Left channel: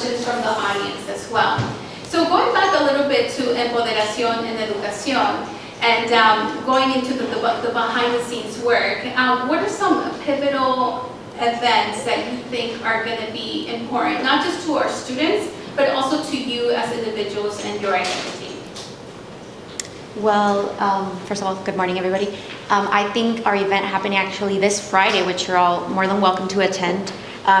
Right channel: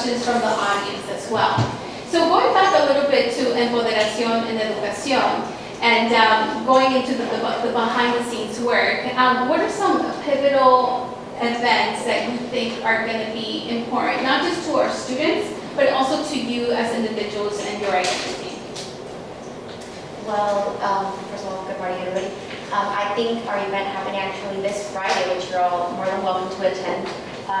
questions from the audience as well. So going back a little bit to Empoderación and Educación, and going into the behind-the-scenes work, what are some pivotal events that you think are going to be important, not just to our students, but also to you as individuals and your identity? Well, first of all, good morning, everybody. I think our event happening actually this Friday, which you're all more than welcome to attend.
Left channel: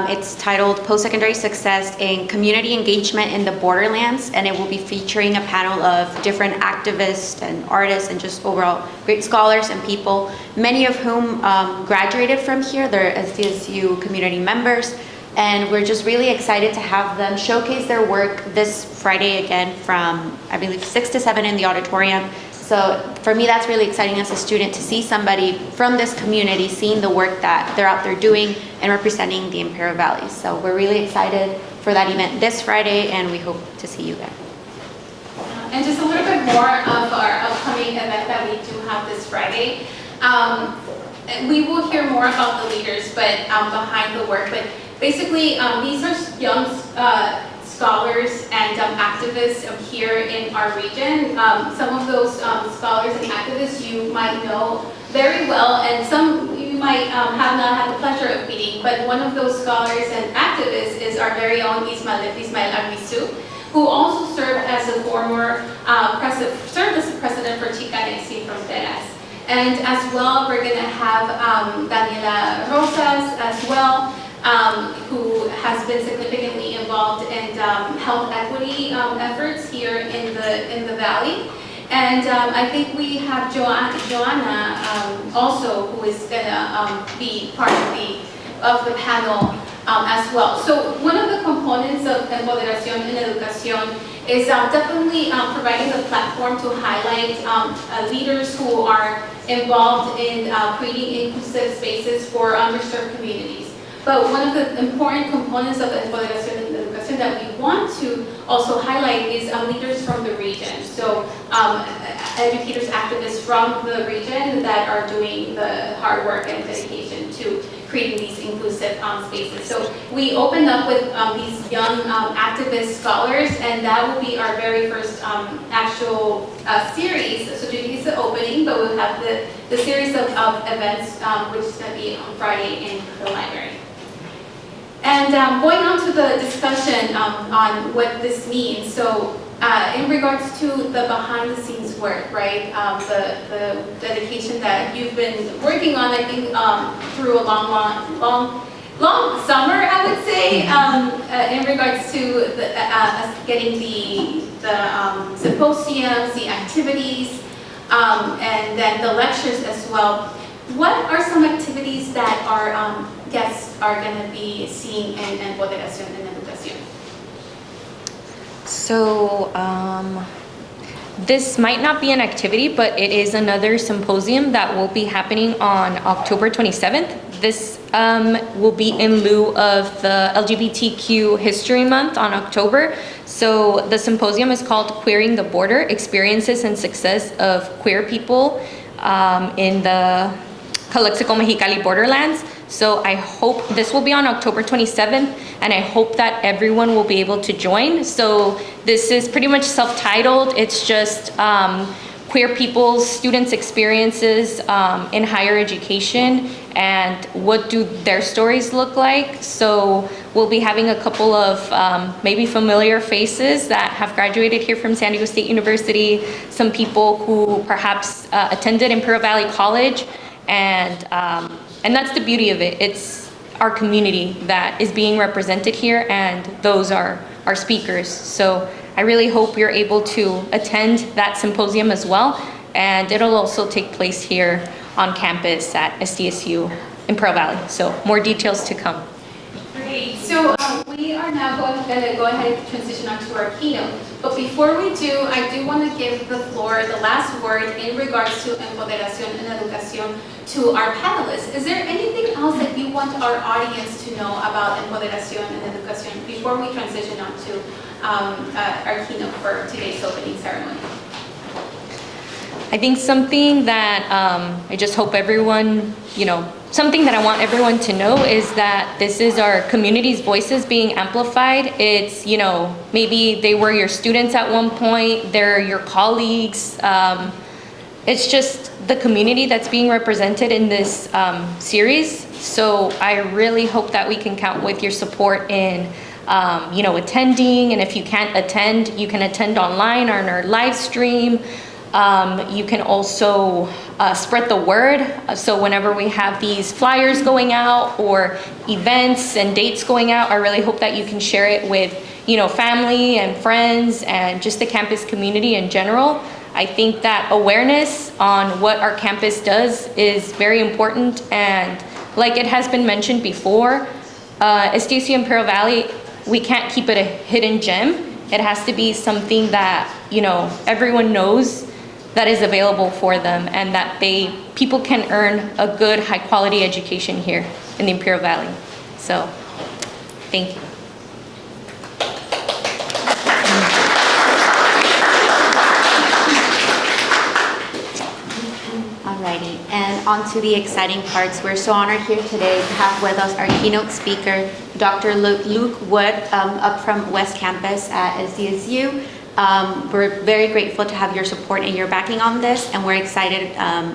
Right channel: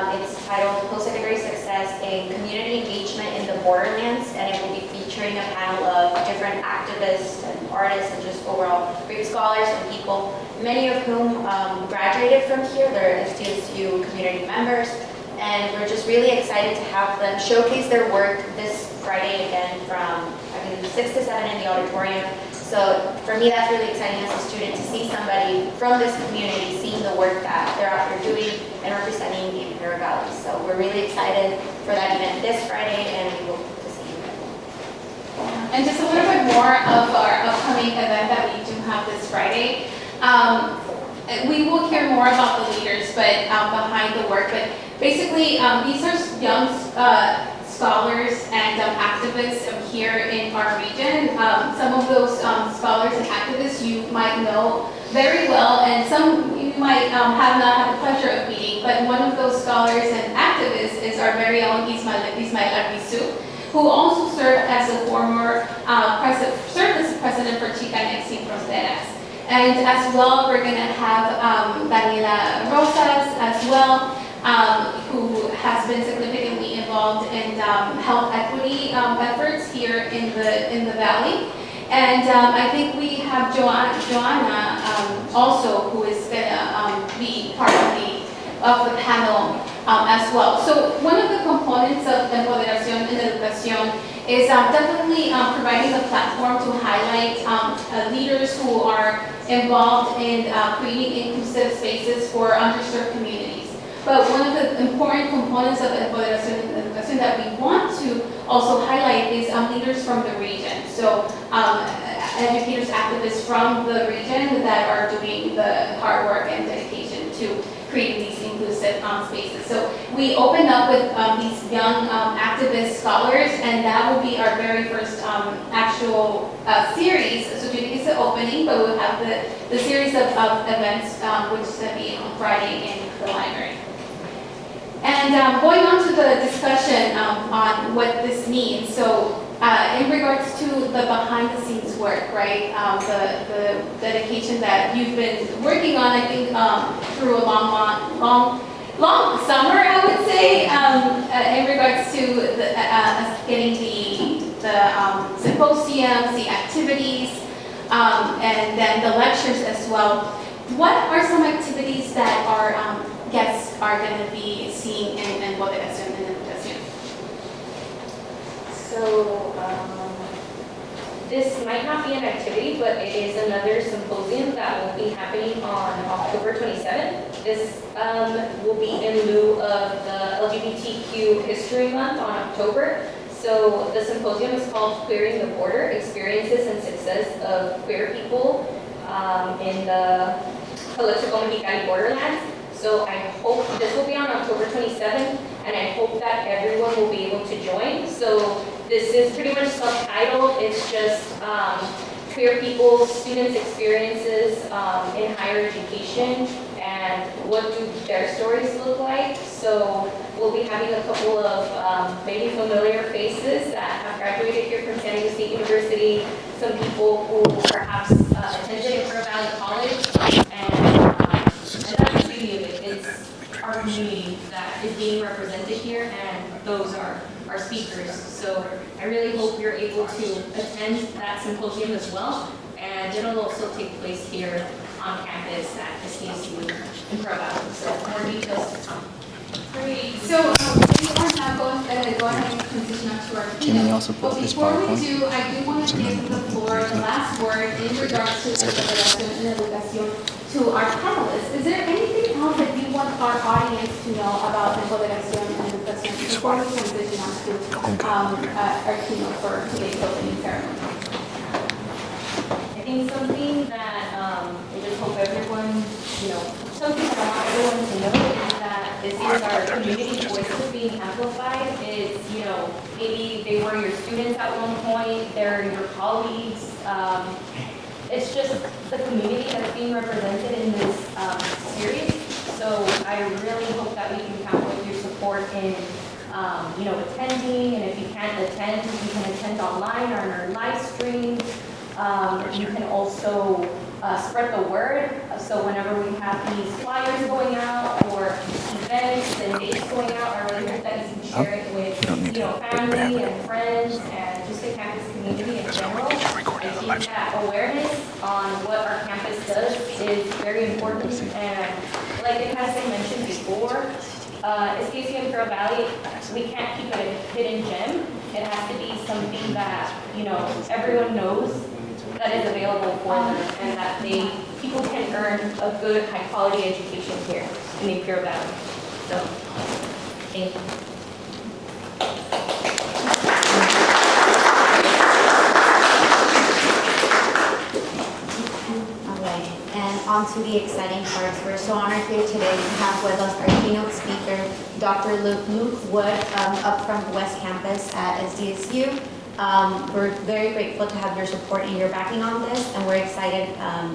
It's titled Postsecondary Success in Community Engagement in the Borderlands, and it will be featuring a panel of different activists and artists and just overall great scholars and people, many of whom graduated from here. They're SDSU community members, and we're just really excited to have them showcase their work this Friday again from, I believe, 6 to 7 in the auditorium. So for me, that's really exciting as a student to see somebody from this community seeing the work that they're out there doing and representing the Imperial Valley. So we're really excited for that event this Friday, and we hope to see you there. And just a little bit more of our upcoming event that we do have this Friday. We will hear more about the leaders, but behind the work. But basically, these are young scholars and activists here in our region. Some of those scholars and activists you might know very well, and some you might have not had the pleasure of meeting. But one of those scholars and activists is our very own Ismael Arbizu, who also served as the president for Chicanx Sin Fronteras. And as well, we're going to have Daniela Rosas as well, who has been significantly involved in health equity efforts here in the Valley. And I think we have Joanna also, who is going to be part of the panel as well. So one of the components of Empoderación and Educación is definitely providing a platform to highlight leaders who are involved in creating inclusive spaces for underserved communities. But one of the important components of Empoderación and Educación that we want to also highlight is leaders from the region. So educators, activists from the region that are doing the hard work and dedication to creating these inclusive spaces. So we opened up with these young activist scholars, and that will be our very first actual series. So today is the opening, but we'll have the series of events, which is going to be on Friday in the library. And going on to the discussion on what this means. So in regards to the behind-the-scenes work, right? The dedication that you've been working on, I think, through a long summer, I would say, in regards to getting the symposiums, the activities, and then the lectures as well. What are some activities that our guests are going to be seeing in Empoderación and Educación? So this might not be an activity, but it is another symposium that will be happening on October 27th. This will be in lieu of the LGBTQ History Month on October. So the symposium is called Queering the Border, Experiences and Success of Queer People in the Calexico Mexicali Borderlands. So I hope this will be on October 27th, and I hope that everyone will be able to join. So this is pretty much self-titled. It's just queer people's students' experiences in higher education and what do their stories look like. So we'll be having a couple of maybe familiar faces that have graduated here from San Diego State University, some people who perhaps attended Imperial Valley College, and that's the beauty of it. It's our community that is being represented here, and those are our speakers. So I really hope you're able to attend that symposium as well, and it'll also take place here on campus at SDSU Imperial Valley. So more details to come. Great. So we are now going to go ahead and transition on to our keynote. But before we do, I do want to give the floor, the last word in regards to Empoderación and Educación to our panelists. Is there anything else that you want our audience to know about Empoderación and Educación before we transition on to our keynote for today's opening ceremony? I think something that I just hope everyone, something that I want everyone to know is that this is our community's voices being amplified. It's, maybe they were your students at one point, they're your colleagues. It's just the community that's being represented in this series. So I really hope that we can count with your support in attending, and if you can't attend, you can attend online or on our live stream. You can also spread the word. So whenever we have these flyers going out or events and dates going out, I really hope that you can share it with, family and friends and just the campus community in general. I think that awareness on what our campus does is very important, and like it has been mentioned before, SDSU Imperial Valley, we can't keep it a hidden gem. It has to be something that, everyone knows that is available for them, and that people can earn a good, high quality education here in the Imperial Valley. So, thank you. All right, and on to the exciting parts. We're so honored here today to have with us our keynote speaker, Dr. Luke Wood, up from West Campus at SDSU. We're very grateful to have your support and your backing on this, and we're excited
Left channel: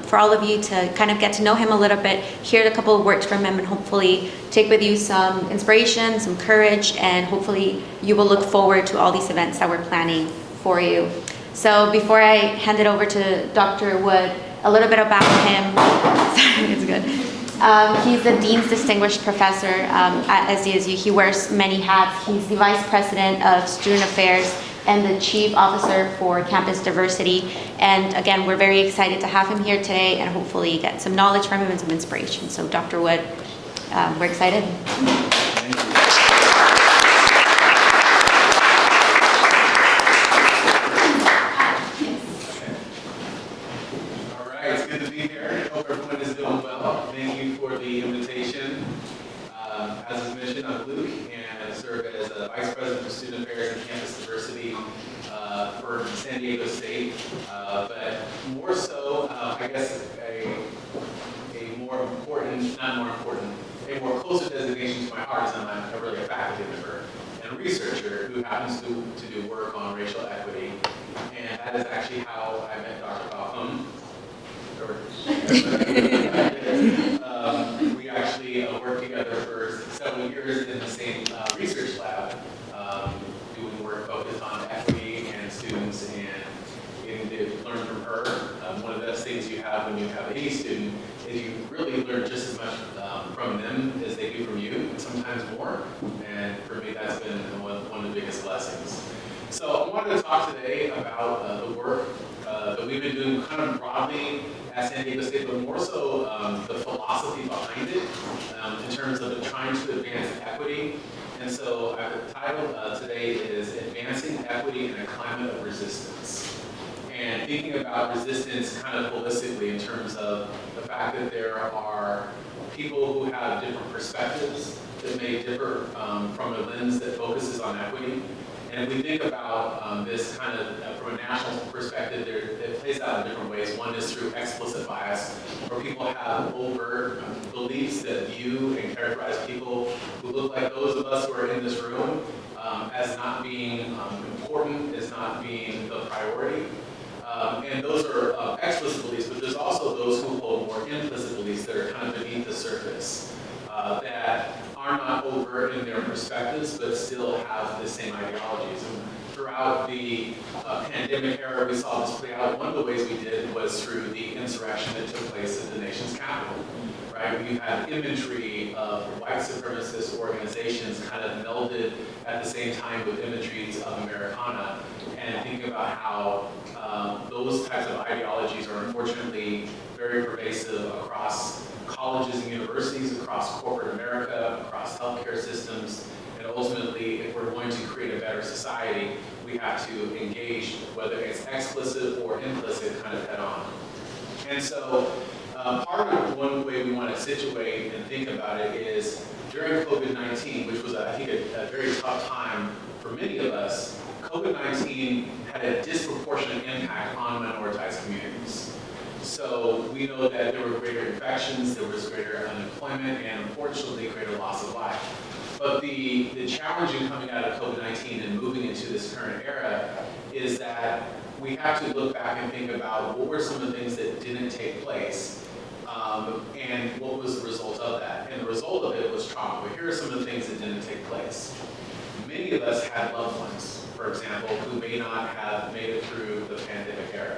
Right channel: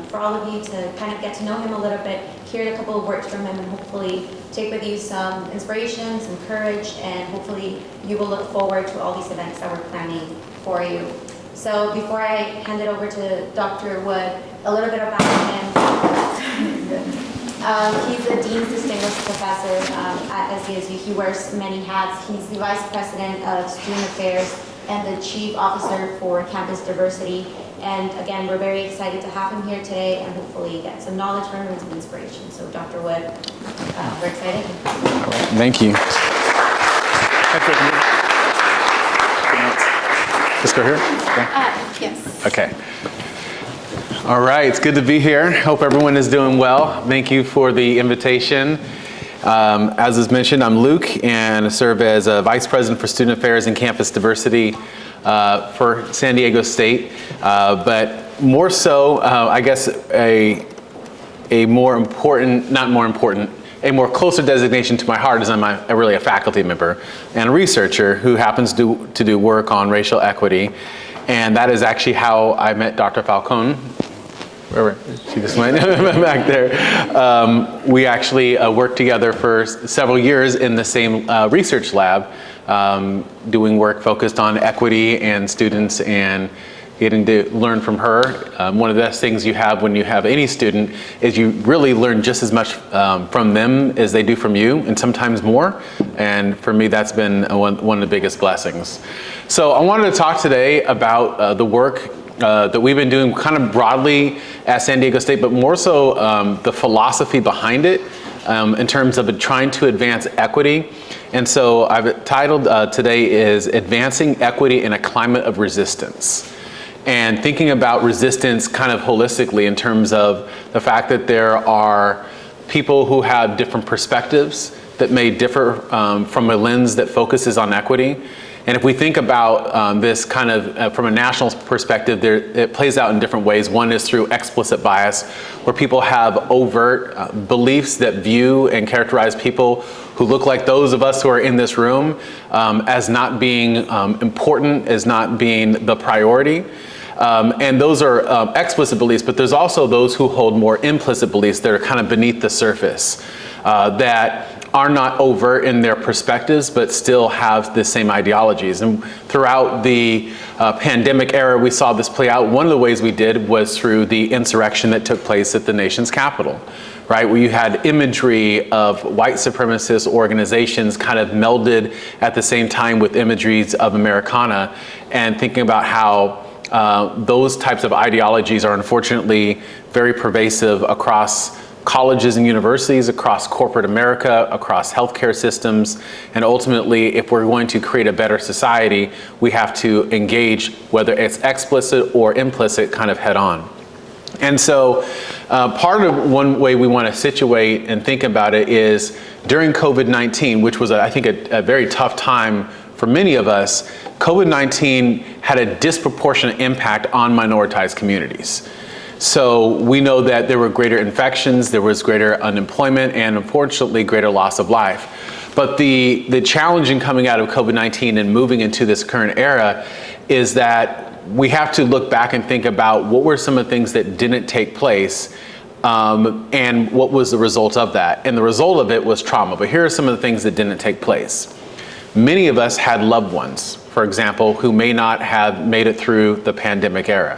for all of you to kind of get to know him a little bit, hear a couple of words from him, and hopefully take with you some inspiration, some courage, and hopefully you will look forward to all these events that we're planning for you. So before I hand it over to Dr. Wood, a little bit about him. Sorry, it's good. He's a Dean's Distinguished Professor at SDSU. He wears many hats. He's the Vice President of Student Affairs and the Chief Officer for Campus Diversity. And again, we're very excited to have him here today and hopefully get some knowledge from him and some inspiration. So Dr. Wood, we're excited. Thank you. Let's go here? Yes. Okay. All right, it's good to be here. Hope everyone is doing well. Thank you for the invitation. As is mentioned, I'm Luke, and I serve as a Vice President for Student Affairs and Campus Diversity for San Diego State. But more so, I guess a more important, not more important, a more closer designation to my heart is I'm really a faculty member and a researcher who happens to do work on racial equity. And that is actually how I met Dr. Falcone. She just went back there. We actually worked together for several years in the same research lab, doing work focused on equity and students and getting to learn from her. One of the best things you have when you have any student is you really learn just as much from them as they do from you, and sometimes more. And for me, that's been one of the biggest blessings. So I wanted to talk today about the work that we've been doing kind of broadly at San Diego State, but more so the philosophy behind it in terms of trying to advance equity. And so I've titled today is Advancing Equity in a Climate of Resistance. And thinking about resistance kind of holistically in terms of the fact that there are people who have different perspectives that may differ from a lens that focuses on equity. And if we think about this kind of from a national perspective, it plays out in different ways. One is through explicit bias, where people have overt beliefs that view and characterize people who look like those of us who are in this room as not being important, as not being the priority. And those are explicit beliefs, but there's also those who hold more implicit beliefs that are kind of beneath the surface, that are not overt in their perspectives, but still have the same ideologies. And throughout the pandemic era, we saw this play out. One of the ways we did was through the insurrection that took place at the nation's capital, right? Where you had imagery of white supremacist organizations kind of melded at the same time with imageries of Americana, and thinking about how those types of ideologies are unfortunately very pervasive across colleges and universities, across corporate America, across healthcare systems, and ultimately, if we're going to create a better society, we have to engage, whether it's explicit or implicit, kind of head on. And so part of one way we want to situate and think about it is during COVID-19, which was, I think, a very tough time for many of us, COVID-19 had a disproportionate impact on minoritized communities. So we know that there were greater infections, there was greater unemployment, and unfortunately greater loss of life. But the challenge in coming out of COVID-19 and moving into this current era is that we have to look back and think about what were some of the things that didn't take place, and what was the result of that. And the result of it was trauma. But here are some of the things that didn't take place. Many of us had loved ones, for example, who may not have made it through the pandemic era.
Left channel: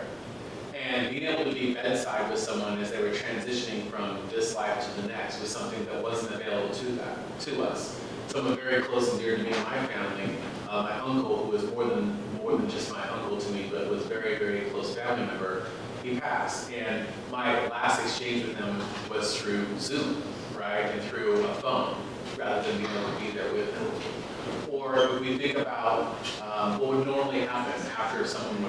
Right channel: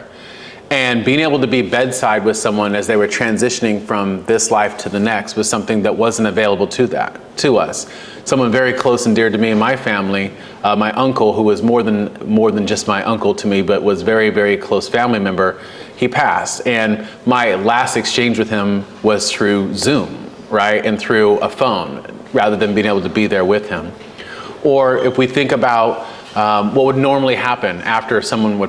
And being able to be bedside with someone as they were transitioning from this life to the next was something that wasn't available to us. Someone very close and dear to me and my family, my uncle, who was more than just my uncle to me, but was very, very close family member, he passed. And my last exchange with him was through Zoom, right? And through a phone, rather than being able to be there with him. Or if we think about what would normally happen after someone would